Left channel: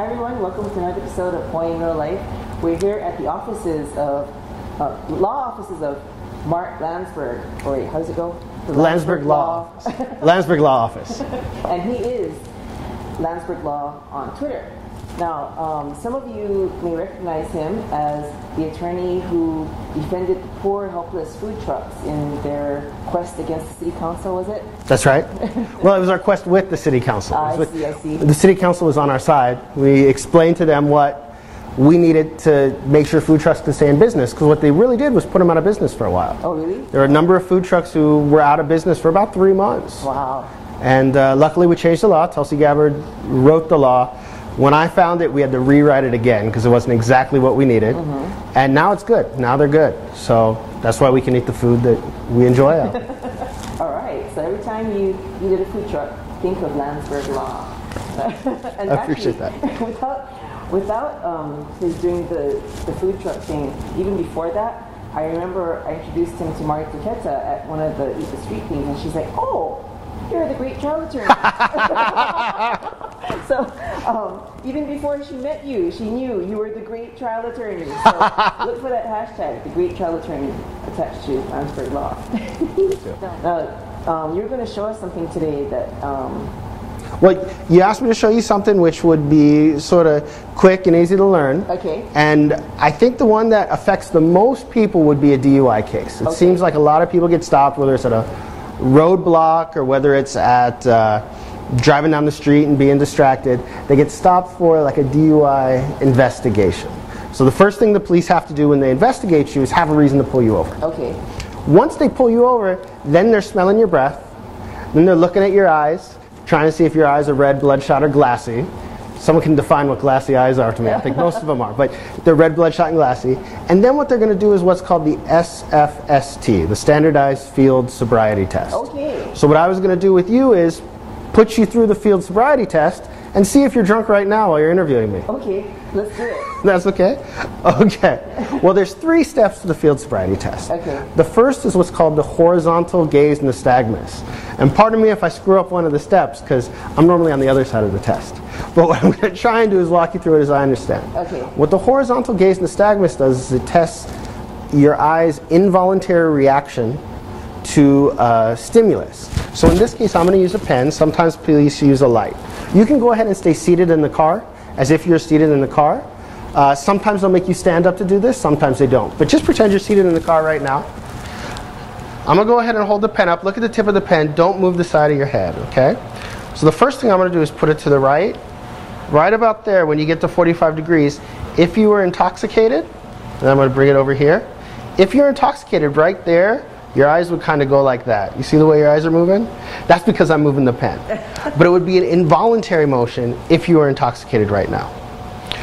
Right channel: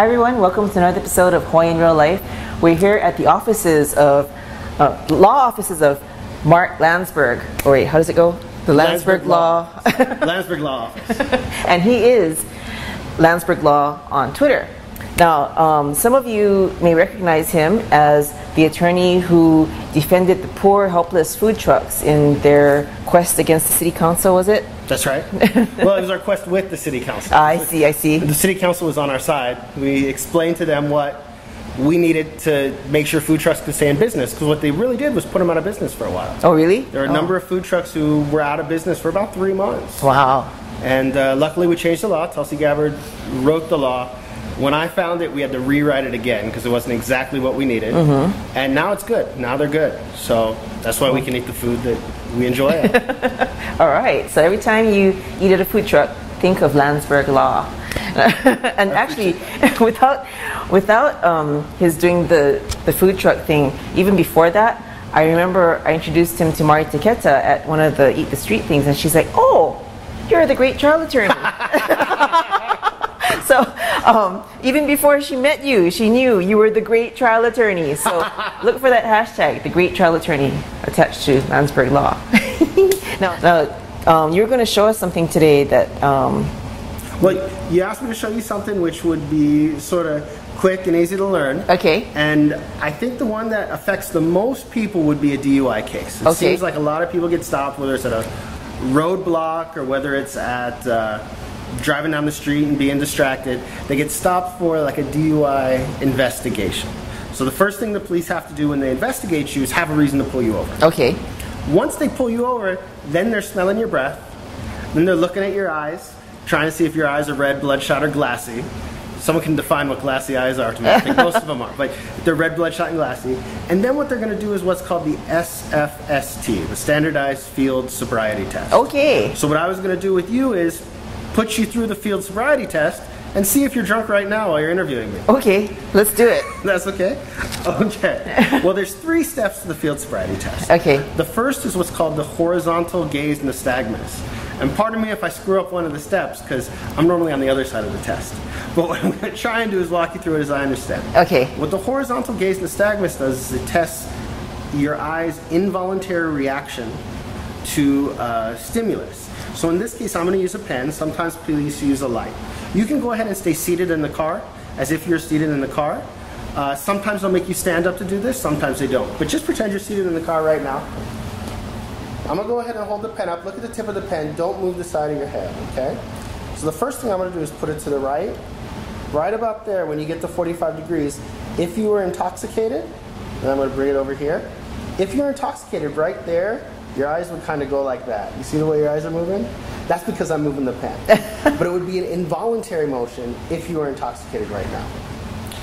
Hi everyone, welcome to another episode of Hawaii in Real Life. We're here at the offices of, law offices of Mark Landsberg, or wait, how does it go? The Landsberg Law. Landsberg Law Office. And he is Landsberg Law on Twitter. Now, some of you may recognize him as the attorney who defended the poor, helpless food trucks in their quest against the city council, was it? That's right. Well, it was our quest with the city council. I see. The city council was on our side. We explained to them what we needed to make sure food trucks could stay in business, because what they really did was put them out of business for a while. Oh, really? There were a number of food trucks who were out of business for about 3 months. Wow. And luckily we changed the law. Tulsi Gabbard wrote the law. When I found it, we had to rewrite it again because it wasn't exactly what we needed. And now it's good. Now they're good. So that's why we can eat the food that we enjoy. All right. So every time you eat at a food truck, think of Landsberg Law. And actually, without his doing the food truck thing, even before that, I remember I introduced him to Mari Taketa at one of the Eat the Street things, and she's like, "Oh, you're the great trial attorney." So even before she met you, she knew you were the great trial attorney. So look for that hashtag, the great trial attorney, attached to Landsberg Law. Now, you're going to show us something today that... Well, you asked me to show you something which would be sort of quick and easy to learn. Okay. And I think the one that affects the most people would be a DUI case. It seems like a lot of people get stopped, whether it's at a roadblock or whether it's at driving down the street and being distracted. They get stopped for like a DUI investigation. So the first thing the police have to do when they investigate you is have a reason to pull you over. Okay. Once they pull you over, then they're smelling your breath, then they're looking at your eyes, trying to see if your eyes are red, bloodshot, or glassy. Someone can define what glassy eyes are to me. I think most of them are, but they're red, bloodshot, and glassy. And then what they're going to do is what's called the SFST, the Standardized Field Sobriety Test. Okay. So what I was going to do with you is put you through the field sobriety test and see if you're drunk right now while you're interviewing me. Okay, let's do it. That's okay? Okay. Well, there's 3 steps to the field sobriety test. Okay. The first is what's called the horizontal gaze nystagmus. And pardon me if I screw up one of the steps, because I'm normally on the other side of the test. But what I'm going to try and do is walk you through it as I understand. Okay. What the horizontal gaze nystagmus does is it tests your eye's involuntary reaction to stimulus. So in this case, I'm going to use a pen. Sometimes police use a light. You can go ahead and stay seated in the car as if you're seated in the car. Sometimes they'll make you stand up to do this, sometimes they don't. But just pretend you're seated in the car right now. I'm going to go ahead and hold the pen up. Look at the tip of the pen. Don't move the side of your head, okay? So the first thing I'm going to do is put it to the right. Right about there when you get to 45 degrees. If you were intoxicated, then I'm going to bring it over here. If you're intoxicated right there, your eyes would kind of go like that. You see the way your eyes are moving? That's because I'm moving the pen. But it would be an involuntary motion if you were intoxicated right now.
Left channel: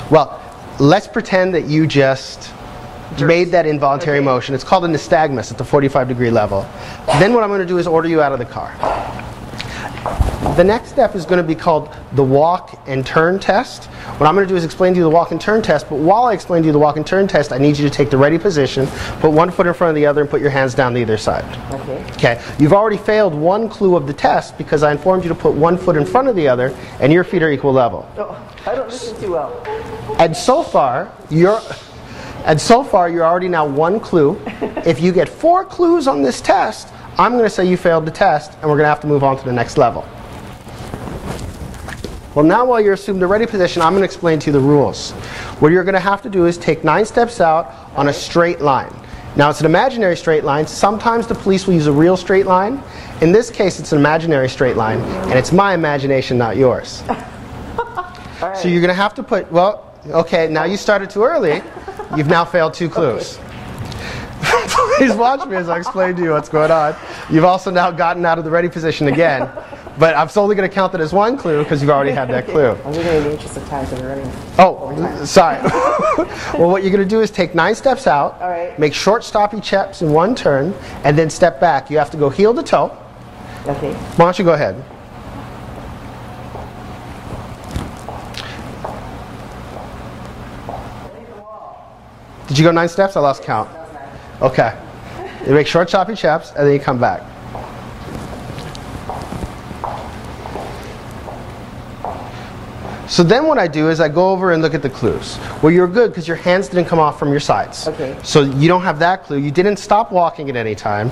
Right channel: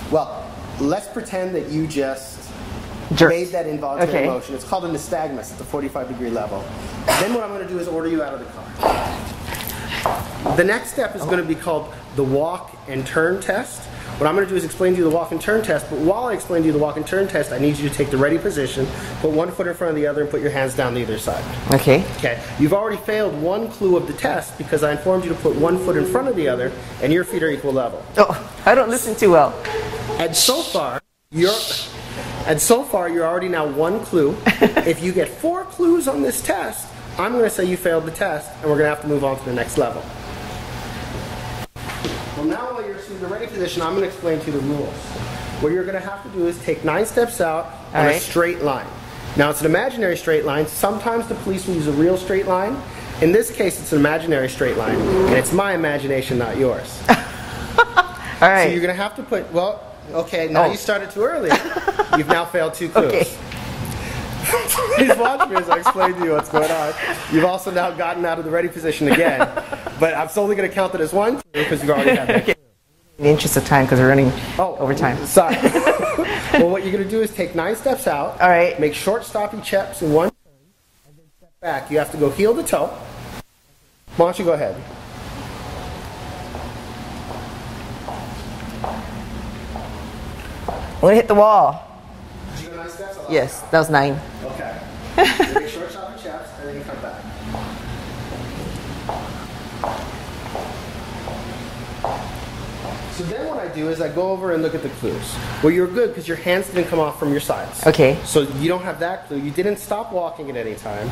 Well, let's pretend that you just made that involuntary motion. It's called a nystagmus at the 45-degree level. Then what I'm going to do is order you out of the car. The next step is going to be called the walk and turn test. What I'm going to do is explain to you the walk and turn test, but while I explain to you the walk and turn test, I need you to take the ready position, put one foot in front of the other, and put your hands down to either side. Okay. Okay. You've already failed one clue of the test because I informed you to put one foot in front of the other, and your feet are equal level. Oh, I don't listen too well. And so far, you're already now 1 clue. If you get 4 clues on this test, I'm going to say you failed the test, and we're going to have to move on to the next level. Well, now while you're assumed the ready position, I'm going to explain to you the rules. What you're going to have to do is take 9 steps out on a straight line. Now, it's an imaginary straight line. Sometimes the police will use a real straight line. In this case, it's an imaginary straight line, and it's my imagination, not yours. All right. So you're going to have to put, well, okay, now you started too early. You've now failed 2 clues. Okay. Please watch me as I explain to you what's going on. You've also now gotten out of the ready position again. But I'm only going to count it as 1 clue because you've already had that clue. I'm going in the interest of time because we're running over time. Sorry. Well, what you're going to do is take 9 steps out. All right. Make short, stoppy steps in 1 turn, and then step back. You have to go heel to toe. Okay. Why don't you go ahead? I'm going to hit the wall. Did you go 9 steps? I lost yes, count. That was 9. Okay. You make short, choppy steps, and then you come back. So then what I do is I go over and look at the clues. Well, you're good because your hands didn't come off from your sides. Okay. So you don't have that clue. You didn't stop walking at any time.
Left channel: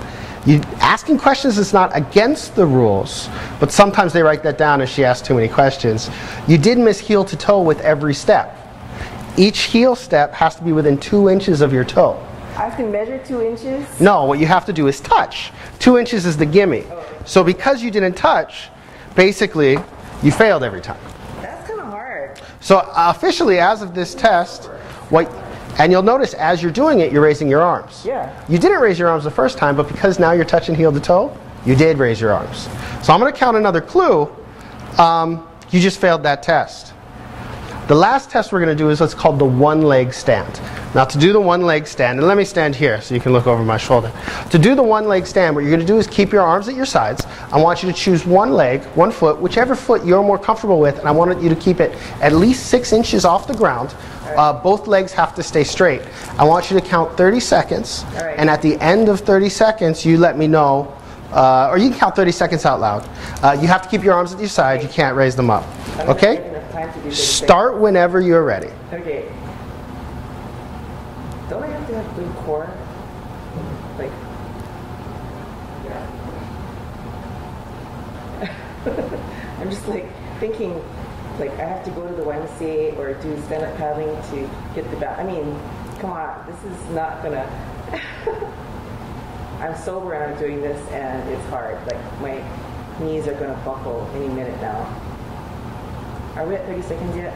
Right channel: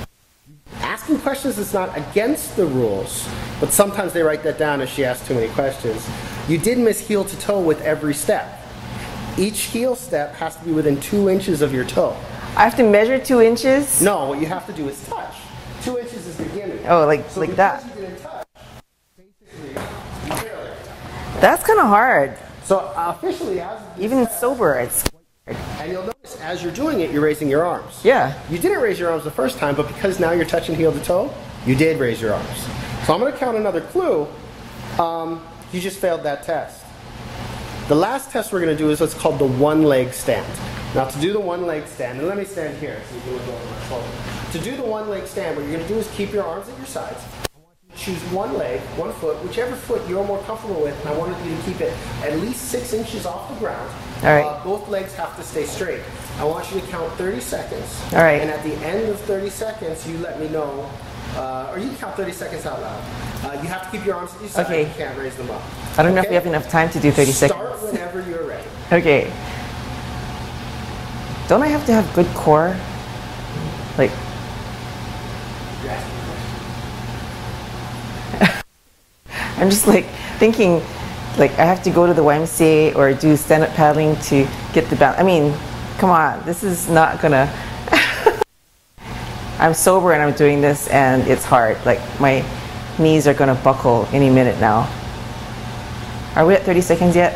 Asking questions is not against the rules, but sometimes they write that down if she asks too many questions. You did miss heel to toe with every step. Each heel step has to be within 2 inches of your toe. I have to measure 2 inches? No, what you have to do is touch. 2 inches is the gimme. Oh, like so like because that? you didn't touch, basically, you failed every time. That's kind of hard. So officially, as of this Even test, sober, it's and you'll notice as you're doing it, you're raising your arms. Yeah. You didn't raise your arms the first time, but because now you're touching heel to toe, you did raise your arms. So I'm going to count another clue. You just failed that test. The last test we're going to do is what's called the one-leg stand. Now to do the one-leg stand, and let me stand here so you can look over my shoulder. To do the one-leg stand, what you're going to do is keep your arms at your sides. I want you to choose one leg, one foot, whichever foot you're more comfortable with, and I want you to keep it at least 6 inches off the ground. All right. Both legs have to stay straight. I want you to count 30 seconds, all right. and at the end of 30 seconds, you let me know, or you can count 30 seconds out loud. You have to keep your arms at your side. Okay. You can't raise them up. I don't know if Okay? we have enough time to do 30 seconds. Start whenever you're ready. Okay. Don't I have to have good core? Like, I'm just like thinking, like I have to go to the YMCA or do stand-up paddling to get the balance. I mean, come on, this is not gonna. I'm sober and I'm doing this and it's hard. Like my knees are gonna buckle any minute now. Are we at 30 seconds yet?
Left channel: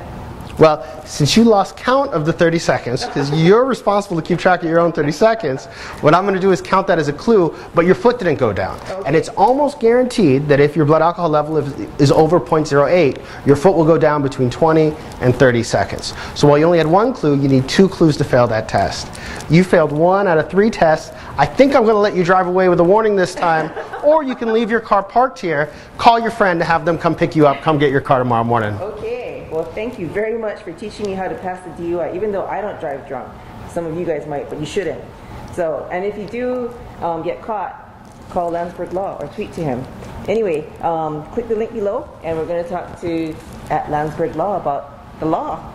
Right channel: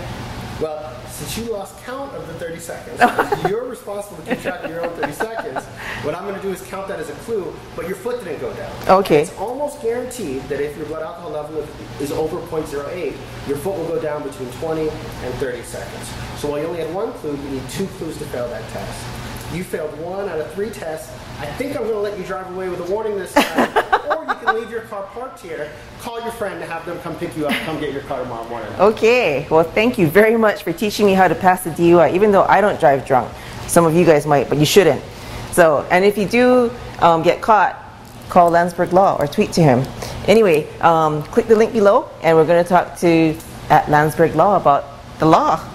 Well, since you lost count of the 30 seconds, because you're responsible to keep track of your own 30 seconds, what I'm going to do is count that as a clue, but your foot didn't go down. Okay. And it's almost guaranteed that if your blood alcohol level is over 0.08, your foot will go down between 20 and 30 seconds. So while you only had one clue, you need 2 clues to fail that test. You failed 1 out of 3 tests. I think I'm going to let you drive away with a warning this time, or you can leave your car parked here, call your friend to have them come pick you up, come get your car tomorrow morning. Okay, well thank you very much for teaching me how to pass the DUI, even though I don't drive drunk. Some of you guys might, but you shouldn't. So, and if you do get caught, call Landsberg Law or tweet to him. Anyway, click the link below and we're going to talk to at Landsberg Law about the law.